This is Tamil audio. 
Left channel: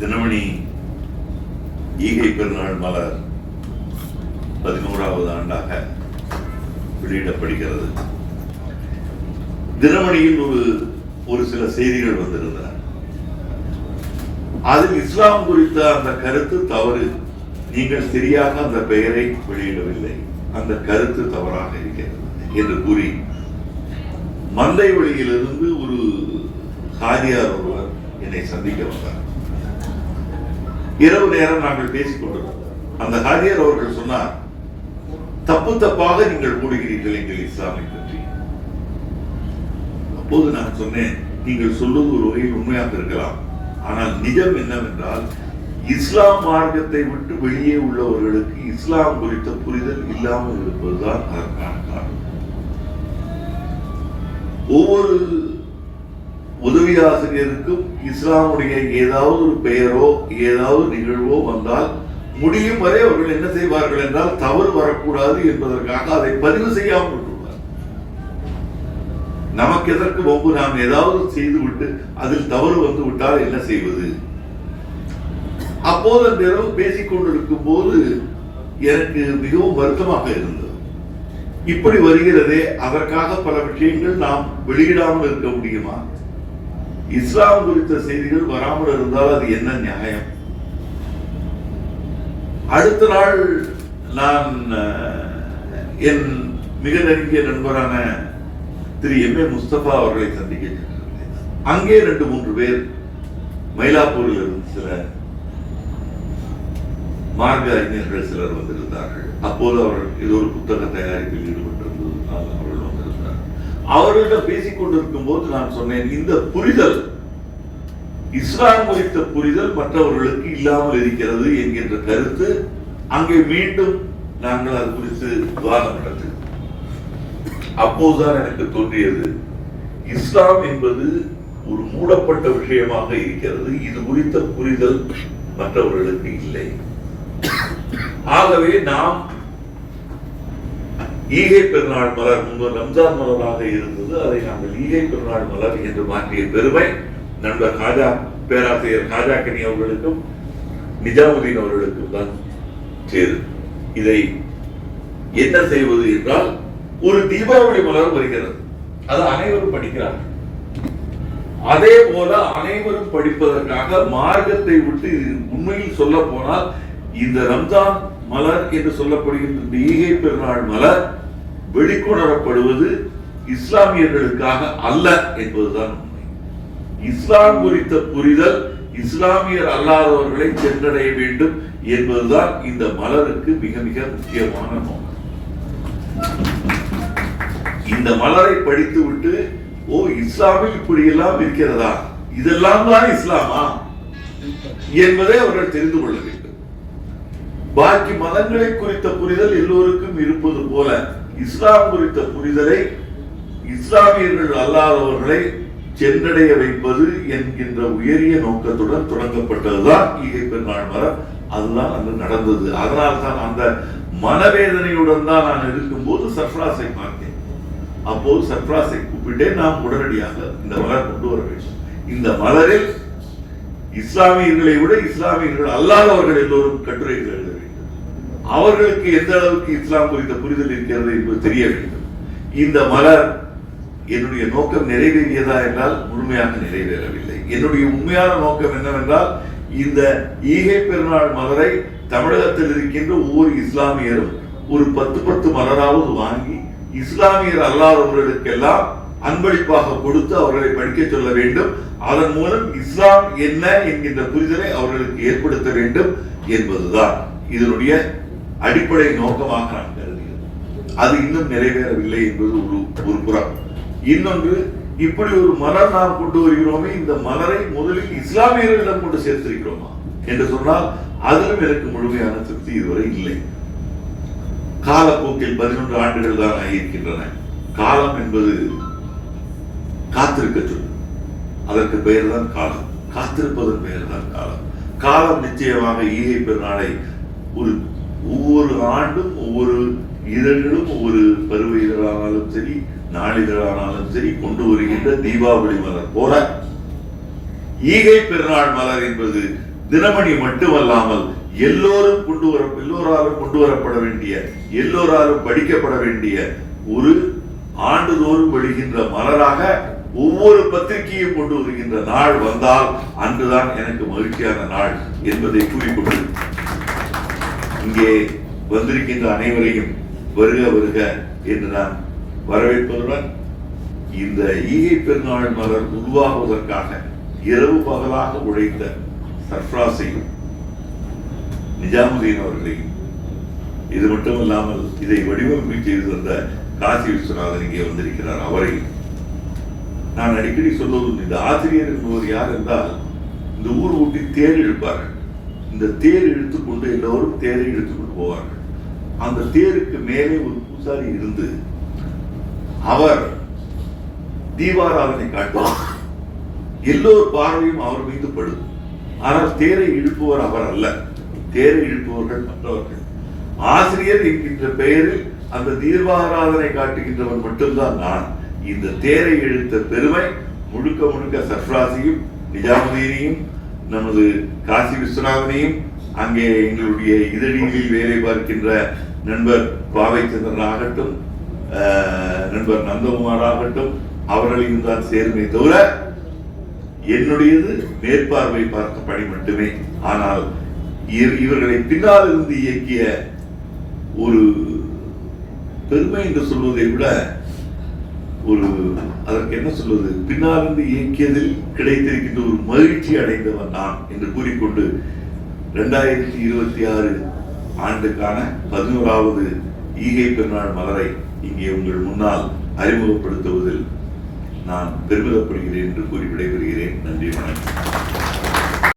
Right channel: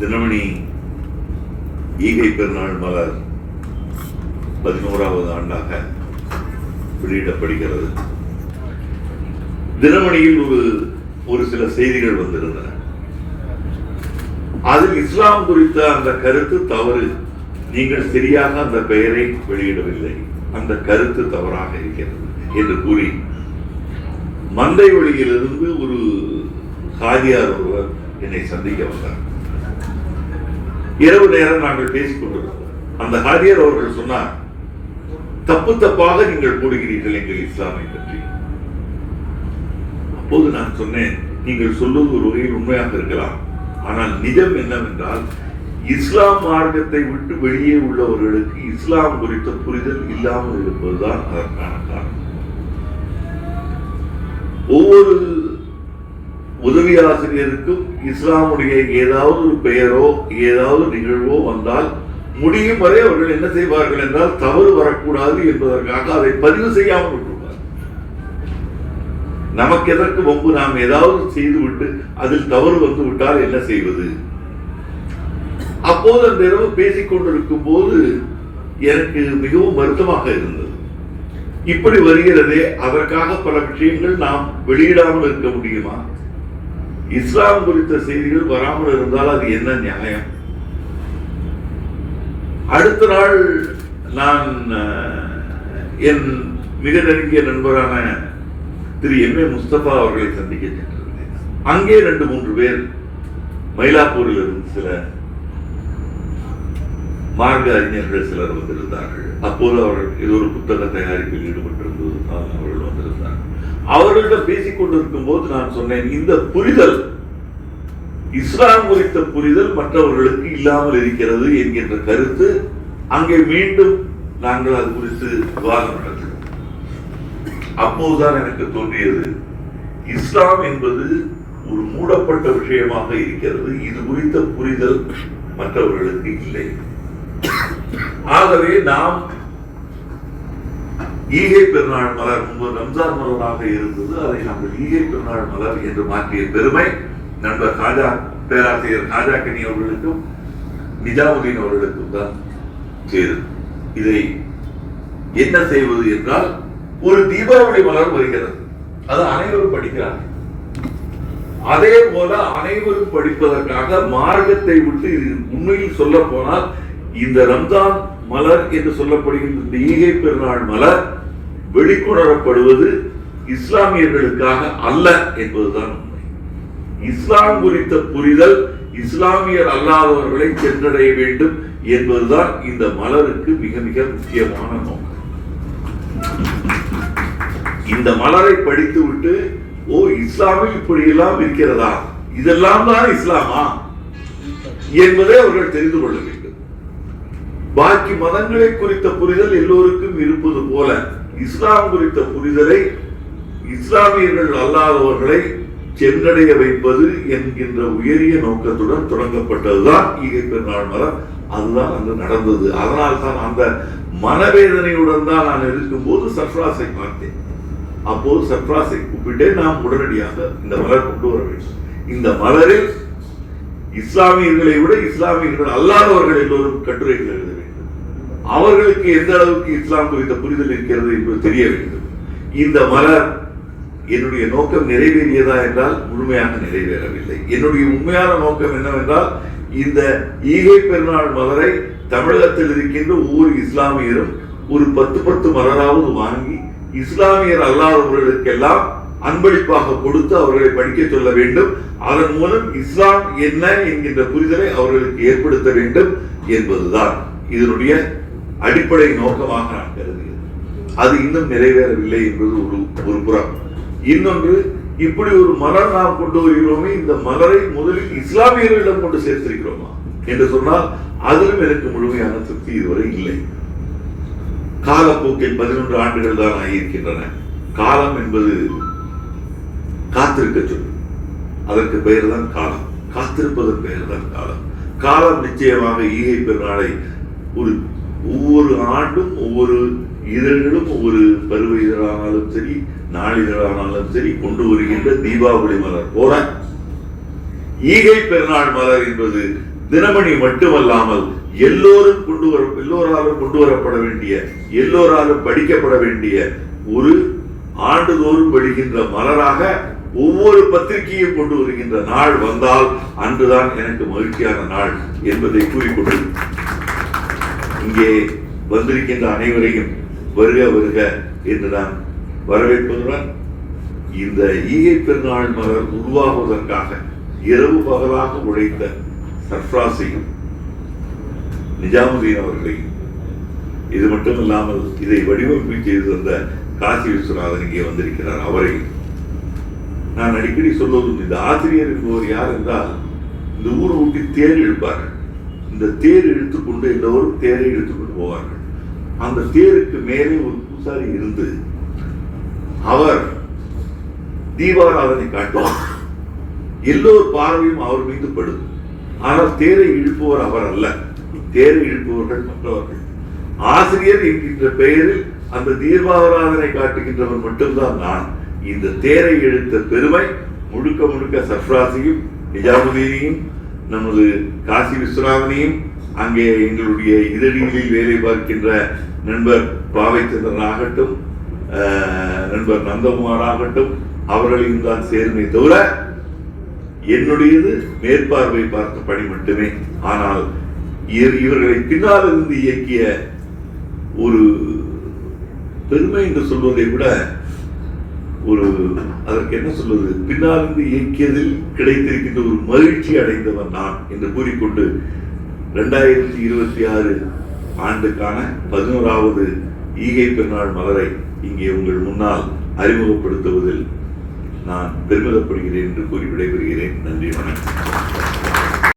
தினமணி ஈகை பெருநாள் மலர் 11வது ஆண்டாக வெளியிடப்படுகிறது. தினமணியில் ஒரு சில செய்திகள் வந்திருந்தன. அதில் இஸ்லாம் குறித்த அந்த கருத்து தவறு, நீங்கள் சரியாக அந்த பெயரை வெளியிடவில்லை, அந்த கருத்து தவறாக இருக்கிறது என்று கூறி மந்தை வழியிலிருந்து ஒரு காதியார் ஒருவர் என்னை சந்திக்க வந்தார். இரவு நேரம் நாங்கள் பேசிக் கொண்டிருந்தோம். அந்த காதியார் அவர்கள் சொன்னார், தப்பு தப்பாக நீங்கள் கூறுகிறீர்கள் எங்கள் இஸ்லாமை பற்றி. அப்போது நான் சொன்னேன், நீங்கள் சொல்வது ஒரு வகையில் உண்மையாக இருக்கலாம், ஆனால் நிஜம் என்னவென்றால் இஸ்லாம் மார்க்கத்தை விட்டு வெளியே உள்ளவர்களுக்கு இஸ்லாம் குறித்த புரிதல் இல்லாமல் இருப்பதுதான் அதற்கான காரணம். ஒவ்வொரு உதவி ஆசிரியருக்கும் இஸ்லாமுடைய ஏதாவது ஒரு பெயரோ ஏதாவது நிகழ்வோ வந்தால் முடியும் வரை அவர்கள் என்ன செய்வார்கள் என்றால் தவறு வரக்கூடாது என்பதற்காக அதை பதிவு செய்யாமல் விட்டுள்ளார். நமக்கு எதற்கு வம்பு, நாம் ஏதாவது செய்துவிட்டு அதில் தவறு வந்து விட்டால் என்ன செய்வது? அப்போது அந்த இரவு பேசிக் கொண்டிருக்கும் போது எனக்கு மிகவும் வருத்தமாக இருந்தது. இப்படி வருகிறதே, அதற்காக பல விஷயங்கள் நாம் வெளியிடாமல் இருக்க முடியுமா? இஸ்லாம் குறித்த செய்திகள் வராமல் இருந்தால் அது என்ன நியாயம்? அடுத்த நாள் நான் என் மிக நெருங்கிய நண்பரான திரு எம்.ஏ. முஸ்தபா அவர்களை சந்திக்க சென்றிருந்தேன். அங்கே 2-3 பேர் மயிலாப்பூரில் இருந்து சில மார்க்க அறிஞர்கள் சிலர் வந்திருந்தார்கள். அப்போது அவர்கள் ஏதோ ஒரு புத்தக தயாரிப்பில் ஈடுபட்டிருந்ததுனால் அவர்கள் வந்திருந்தார்கள். அவர்களிடம் பேசிக் கொண்டிருக்கும் போது நான் சொன்னேன், இந்த புரிதல், இஸ்லாம் குறித்த புரிதல் மற்றவர்களுக்கு இல்லாமல் இருக்கிறது என்கின்ற கருத்து அங்கே மீண்டும் நாங்கள் அது குறித்து விவாதம் நடந்தது. அப்போதுதான் எனக்கு தோன்றியது, இஸ்லாம் என்பது ஒரு மூடப்பட்ட விஷயமாக இருக்கிறது, இது குறித்த புரிதல் மற்றவர்களுக்கு இல்லை. ஆகவே நாம் ஈகை பெருநாள் மலர், முன்பு ரம்ஜான் மலராக இருந்தது, அதை நாங்கள் ஈகை பெருநாள் மலர் என்று மாற்றிய பெருமை நண்பர் பேராசிரியர் காஜாக்கனி அவர்களுக்கும் நிஜாமுதீன் அவர்களுக்கும் தான் சேரும். இதை என்ன செய்வது என்றால், ஒரு தீபாவளி மலர் வருகிறது, அது அனைவரும் படிக்கிறார்கள். அதே போல அனைவரும் படிப்பதற்காக மார்க்கத்தை விட்டு, உண்மையில் சொல்ல போனால் இந்த ரம்ஜான் மலர் என்று சொல்லப்படுகின்ற இந்த ஈகை பெருநாள் மலர் வெளிக்கொணரப்படுவது இஸ்லாமியர்களுக்காக அல்ல என்பதுதான் உண்மை. இஸ்லாம் குறித்த புரிதல் இஸ்லாமியர் அல்லாதவர்களை சென்றடைய வேண்டும் என்பதுதான் இந்த மலருக்கு மிக மிக முக்கியமான நோக்கம். இந்த மலரை படித்துவிட்டு, ஓ, இஸ்லாமில் இப்படி எல்லாம் இருக்கிறதா, இதெல்லாம் தான் இஸ்லாமா என்பதை அவர்கள் தெரிந்து கொள்ள வேண்டும். பாக்கி மதங்களை குறித்த புரிதல் எல்லோருக்கும் இருப்பது போல இஸ்லாம் குறித்த புரிதலை இஸ்லாமியர்கள் அல்லாதவர்களை சென்றடைய வைப்பது என்கின்ற உயரிய நோக்கத்துடன் தொடங்கப்பட்டதுதான் ஈகை பெருநாள் மலர். அதுதான் அங்கு நடந்தது. அதனால்தான் அந்த மனவேதனையுடன் தான் நான் இருக்கும்போது சர்ஃப்ராஸை பார்த்தேன். அப்போது சர்ஃப்ராஸை கூப்பிட்டே நாம் உடனடியாக இந்த மலர் கொண்டு வர வேண்டும். இந்த மலரில் இஸ்லாமியர்களை விட இஸ்லாமியர்கள் அல்லாதவர்கள் எல்லோரும் கட்டுரைகள் எழுத வேண்டும். அவர்களுக்கு எந்த அளவுக்கு இஸ்லாம் குறித்த புரிதல் இருக்கிறது என்பது தெரிய வேண்டும். இந்த மலர் என்னுடைய நோக்கம் நிறைவேறியதா என்றால் முழுமையாக நிறைவேறவில்லை. என்னுடைய உண்மையான நோக்கம் என்னவென்றால், இந்த ஈகை பெருநாள் மலரை தமிழகத்தில் இருக்கின்ற ஒவ்வொரு இஸ்லாமியரும் ஒரு 10 மலராவது வாங்கி இஸ்லாமியர் அல்லாதவர்களுக்கெல்லாம் அன்பளிப்பாக கொடுத்து அவர்களை படிக்க சொல்ல வேண்டும். அதன் மூலம் இஸ்லாம் என்ன என்கின்ற புரிதலை அவர்களுக்கு ஏற்படுத்த வேண்டும் என்பதுதான் இதனுடைய அடிப்படை நோக்கமாக நான் கருதுகிறேன். அது இன்னும் நிறைவேறவில்லை என்பது ஒரு புறம். இன்னொன்று, இப்படி ஒரு மலர் நாம் கொண்டு வருகிறோமே, இந்த மலரை முதலில் இஸ்லாமியர்களிடம் கொண்டு சேர்த்திருக்கிறோமா என்று சொன்னால் அதிலும் எனக்கு முழுமையான திருப்தி இதுவரை இல்லை. காலப்போக்கில் 11 ஆண்டுகள் தான் ஆகியிருக்கின்றன. காலம் என்பது காத்திருக்க சொல்லு, அதற்கு பெயர் தான் காலம். காத்திருப்பதன் பெயர் தான் காலம். காலம் நிச்சயமாக ஈகை பெருநாளை ஒவ்வொரு ஆண்டும் ஒவ்வொரு இதழ்களும், ஒவ்வொரு பருவ இதழானாலும் சரி, நாளிதழானாலும் சரி, கொண்டு வருகின்ற தீபாவளி மலர் போல ஈகை பெருநாள் மலர் என்பது தினமணி மட்டுமல்லாமல் எல்லோராலும் கொண்டு வரப்பட வேண்டிய, எல்லோராலும் படிக்கப்பட வேண்டிய ஒரு ஆண்டுதோறும் வெளிகின்ற மலராக ஒவ்வொரு பத்திரிகையும் கொண்டு வருகின்ற நாள் வந்தால் அன்றுதான் எனக்கு மகிழ்ச்சியான நாள் என்பதை கூறிக்கொண்டு இங்கே வந்திருக்கின்ற அனைவரையும் வருக வருக என்று நான் வரவேற்பதுடன் இந்த ஈகை பெருநாள் மலர் உருவாகுவதற்காக இரவு பகலாக உழைத்த சர்ஃப்ராஸையும் நிஜாமுதீன் அவர்களையும், இது மட்டுமல்லாமல் இதை வடிவமைப்பு செய்து வந்த காசி விஸ்வநாதன் இங்கே வந்திருக்கிறார், அவரையும் நான் அடிக்கடி சொல்வது, இந்த ஆசிரியர் என்பவர் யார் என்றால், இந்த ஊர் ஊட்டி தேர் இழுப்பார்கள். இந்த தேர் இழுத்துக்கொண்டு எல்லோரும் தேரை இழுத்துக்கொண்டு போவார்கள். அந்த தேருக்கு மேலே ஒரு பூசாரி இருந்து அவர் தீபாராதனை காட்டுவார். எல்லோர் பார்வையும் அவர் மீது படும். ஆனால் தேரை இழுப்பவர் அவர் அல்ல, தேரை இழுப்பவர்கள் மற்றவர்கள். ஆசிரியர் என்கின்ற பெயரில் அந்த தீபாராதனை காட்டுகின்றவர் மட்டும்தான் நான். இந்த தேரை இழுத்த பெருமை முழுக்க முழுக்க சர்ஃப்ராஸையும் நிஜாமுதீனையும் நமது காசி விஸ்வநாதனையும் அங்கே எங்களுடைய இதழிகளில் வேலை பார்க்கின்ற நண்பர் பாவைச்சந்திரன் ஆகட்டும், நண்பர் நந்தகுமார் ஆகட்டும், அவர்களையும் தான் சேர்ந்தே தவிர என்னுடையது மேற்பார்வை பார்த்த பணி மட்டுமே. ஆனால் இவர்களை பின்னால் இருந்து இயக்கிய ஒரு பெருமை என்று சொல்வதை விட ஒரு அதற்கு என்ன சொல்வது, பின்னால் இருந்து இயக்கியதில் கிடைத்திருக்கின்ற ஒரு மகிழ்ச்சி அடைந்தவன் நான் என்று கூறிக்கொண்டு 2026 ஆண்டுக்கான 11வது ஈகை பெருநாள் மலரை இங்கே உங்கள் முன்னால் அறிமுகப்படுத்துவதில் நான் பெருமிதப்படுகிறேன் என்று கூறி விடைபெறுகிறேன். நன்றி, வணக்கம்.